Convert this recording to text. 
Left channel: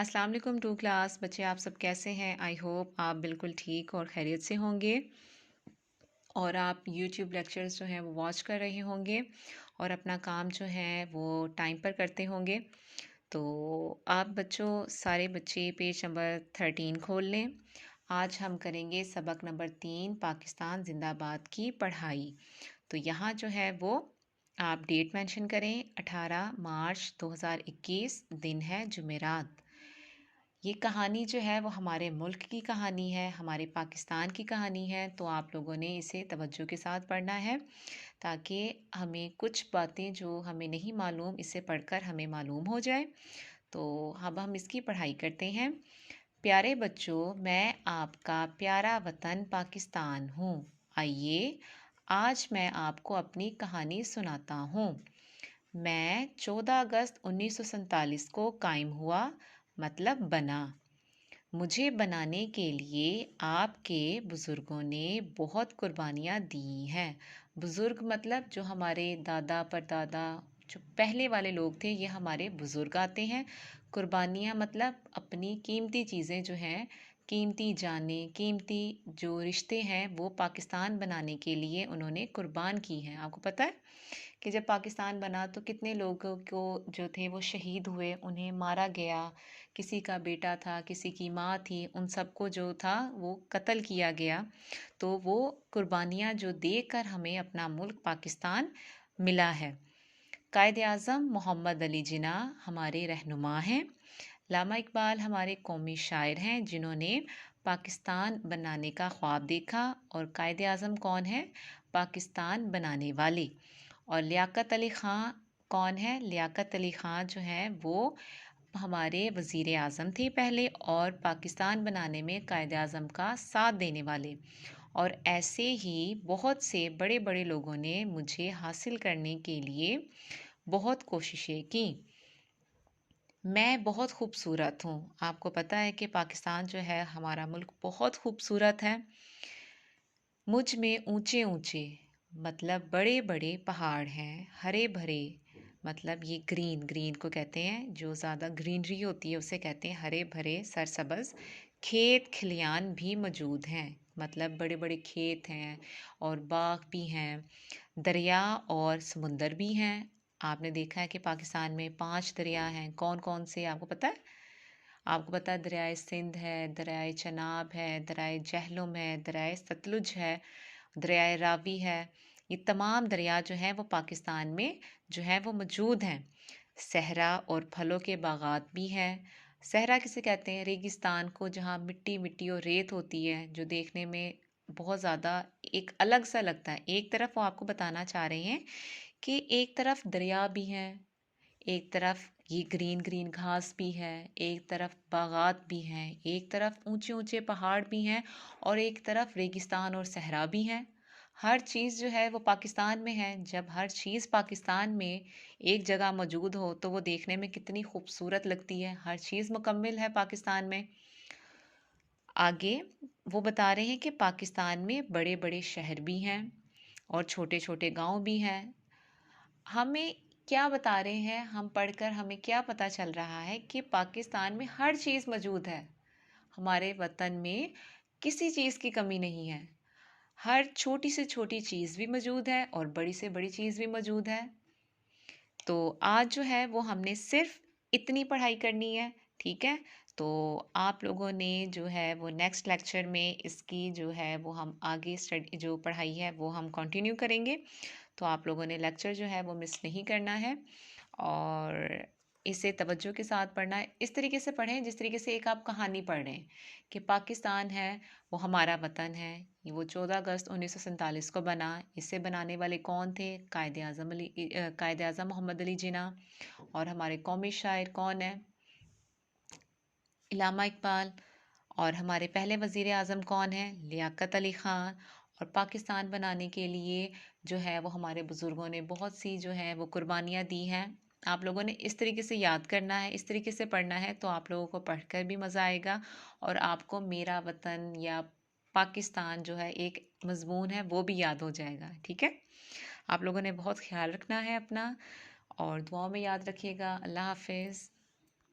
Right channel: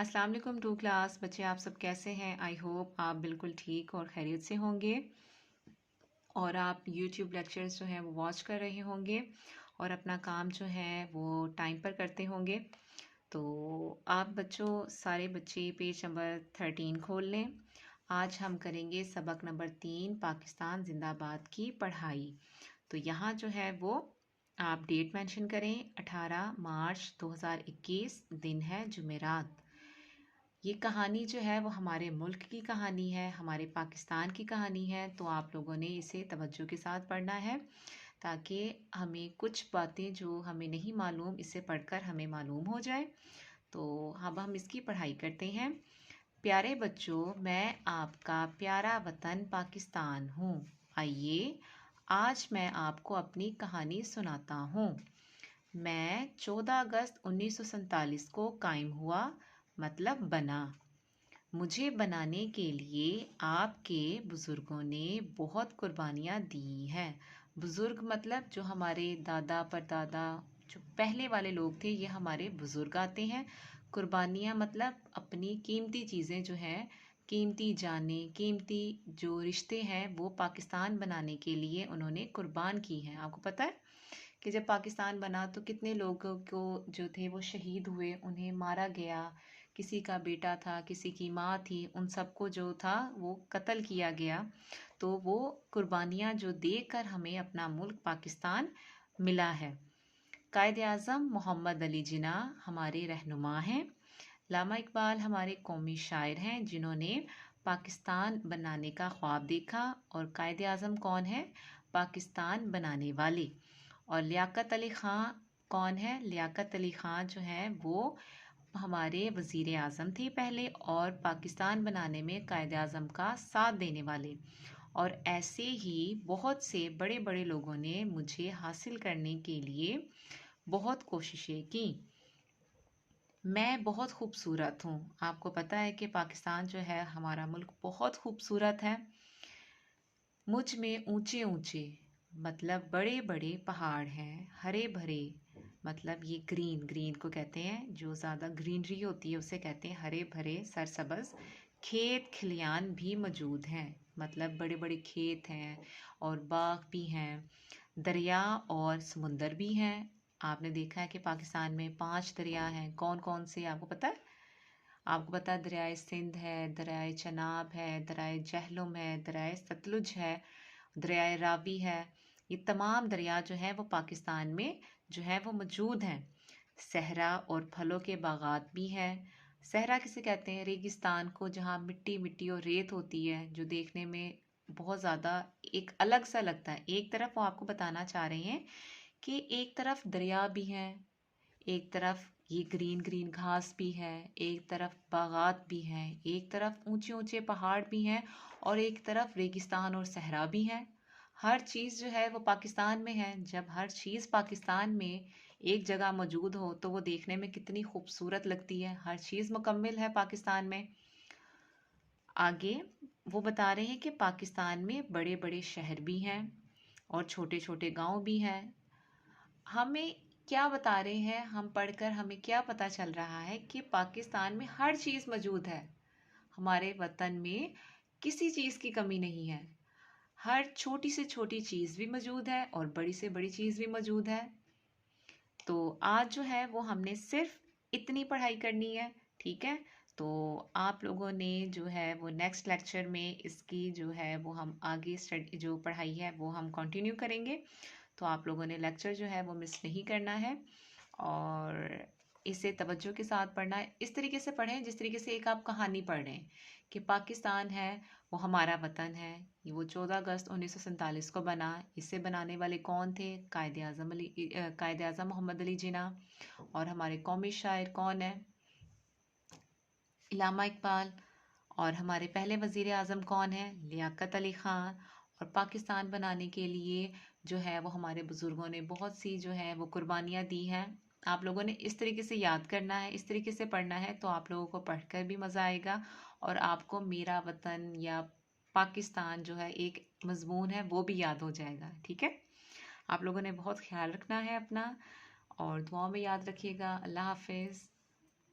अस्सलाम वालेकुम to class बच्चे, आप सब कैसे हैं? आई होप आप बिल्कुल ठीक और खैरियत से होंगे और आप यूट्यूब लेक्चर्स जो हैं वो वॉच कर रहे होंगे और अपना काम जो है वो टाइम पर करते होंगे। तो आप बच्चों, सारे बच्चे पेज नंबर 13 खोल लें। आज हम करेंगे सबक नंबर 3, पाकिस्तान जिंदाबाद की पढ़ाई। तो यहाँ जो है वो आप डेट मेंशन करें, 18 मार्च 2021, दिन है जुमेरात। ये कहानी जो है वो हमारे मुल्क की कहानी है, हमारे पाकिस्तान की कहानी है। तो आप लोगों ने इसे तवज्जो के साथ पढ़ना है ताकि हमें कुछ बातें जो हमें नहीं मालूम, इसे पढ़कर हमें मालूम हो जाए। तो अब हम इसकी पढ़ाई करते हैं। प्यारे बच्चों, मैं आपका प्यारा वतन पाकिस्तान हूँ। आइए आज मैं आपको अपनी कहानी सुनाता हूँ। मैं 14 अगस्त 1947 को कायम हुआ, मतलब बना। मुझे बनाने के लिए आपके बुज़ुर्गों ने बहुत कुर्बानियाँ दी हैं। बुज़ुर्ग मतलब जो हमारे दादा परदादा, जो पहले वाले लोग थे, ये हमारे बुज़ुर्ग आते हैं। कुर्बानियाँ मतलब अपनी कीमती चीज़ें जो हैं, कीमती जानें, कीमती जो रिश्ते हैं, वो पाकिस्तान बनाने के लिए उन्होंने कुर्बान की हैं। आपको पता है कि जब पाकिस्तान बना तो कितने लोगों को जो थे वो शहीद हुए, उन्हें मारा गया। किसी का बेटा था, किसी की माँ थी, उन सबको जो था वो कत्ल किया गया। तो वो कुर्बानियाँ जो देकर हमें अपना मुल्क पाकिस्तान मिला है। कायद आज़म मोहम्मद अली जिन्ना हमारे रहनुमा हैं। लामा इकबाल हमारे कौमी शायर हैं जिन्होंने पाकिस्तान बनाने का ख्वाब देखा। और कायद आज़म कौन है? पाकिस्तान बनाने वाले। और लियाकत अली ख़ां कौन है? लियाकत अली ख़ां जो है वो हमारे वज़ीर आज़म थे पहले, और पाकिस्तान बनाने में कायद आज़म का साथ देने वाले। और ऐसे ही बहुत से बड़े बड़े लोगों ने मुझे हासिल करने के लिए बहुत कोशिशें की। मैं बहुत खूबसूरत हूँ। आपको पता है कि पाकिस्तान जो है हमारा मुल्क बहुत खूबसूरत है। मुझ में ऊंचे ऊंचे मतलब बड़े बड़े पहाड़ हैं, हरे भरे मतलब ये ग्रीन ग्रीन को कहते हैं, जो ज़्यादा ग्रीनरी होती है उसे कहते हैं हरे भरे सरसब्ज़ खेत खलियान भी मौजूद हैं। मतलब बड़े बड़े खेत हैं और बाग भी हैं, दरिया और समुंदर भी हैं। आपने देखा है कि पाकिस्तान में 5 दरिया हैं। कौन कौन से आपको पता है? आपको पता है दरियाए सिंध है, दरियाए चनाब है, दरियाए जहलुम है, दरियाए सतलुज है, दरियाए रावी है। ये तमाम दरिया जो हैं वो पाकिस्तान में जो है वो मौजूद हैं। सहरा और फलों के बागात भी हैं। सहरा किसे कहते हैं? रेगिस्तान को, जहाँ मिट्टी मिट्टी और रेत होती है, जो देखने में बहुत ज़्यादा एक अलग सा लगता है। एक तरफ वो आपको बताना चाह रहे हैं कि एक तरफ दरिया भी हैं, एक तरफ ये ग्रीन ग्रीन घास भी है, एक तरफ बागात भी हैं, एक तरफ ऊंचे ऊंचे पहाड़ भी हैं और एक तरफ रेगिस्तान और सहरा भी हैं। हर चीज़ जो है वो पाकिस्तान में है। जब हर चीज़ पाकिस्तान में एक जगह मौजूद हो तो वो देखने में कितनी खूबसूरत लगती है। हर चीज़ मुकम्मल है पाकिस्तान में। आगे वो बता रहे हैं कि पाकिस्तान में बड़े बड़े शहर भी हैं और छोटे छोटे गांव भी हैं। हमें क्या बता रहे हैं? हम पढ़कर हमें क्या पता चल रहा है कि पाकिस्तान में हर चीज़ मौजूद है। हमारे वतन में किसी चीज़ की कमी नहीं है। हर छोटी से छोटी चीज़ भी मौजूद है और बड़ी से बड़ी चीज़ भी मौजूद है। तो आज जो है वो हमने सिर्फ इतनी पढ़ाई करनी है, ठीक है? तो आप लोगों ने जो है वो नेक्स्ट लेक्चर में इसकी जो है वो हम आगे स्टडी जो पढ़ाई है वो हम कंटिन्यू करेंगे। तो आप लोगों ने लेक्चर जो है वो मिस नहीं करना है और इसे तवज्जो के साथ पढ़ना है। इस तरीके से पढ़ें जिस तरीके से एक आप कहानी पढ़ रहे हैं कि पाकिस्तान है वो हमारा वतन है। ये वो 14 अगस्त 1947 को बना। इसे बनाने वाले कौन थे? कायद आज़म मोहम्मद अली जिन्ना। और हमारे कौमी शायर कौन है? इलामा इकबाल। और हमारे पहले वज़ीर आज़म कौन है? लियाकत अली ख़ान। और पाकिस्तान बनाने के लिए जो है वो हमारे बुज़ुर्गों ने बहुत सी जो है वो कुर्बानियाँ दी हैं। आप लोगों ने इस तरीके से याद करना है, इस तरीके से पढ़ना है, तो आप लोगों को पढ़कर भी मज़ा आएगा और आपको मेरा वतन या पाकिस्तान जो है एक मज़मून है वो भी याद हो जाएगा, ठीक है? आप लोगों ने बहुत ख्याल रखना है अपना और दुआओं में याद रखिएगा। अल्लाह हाफ़िज़।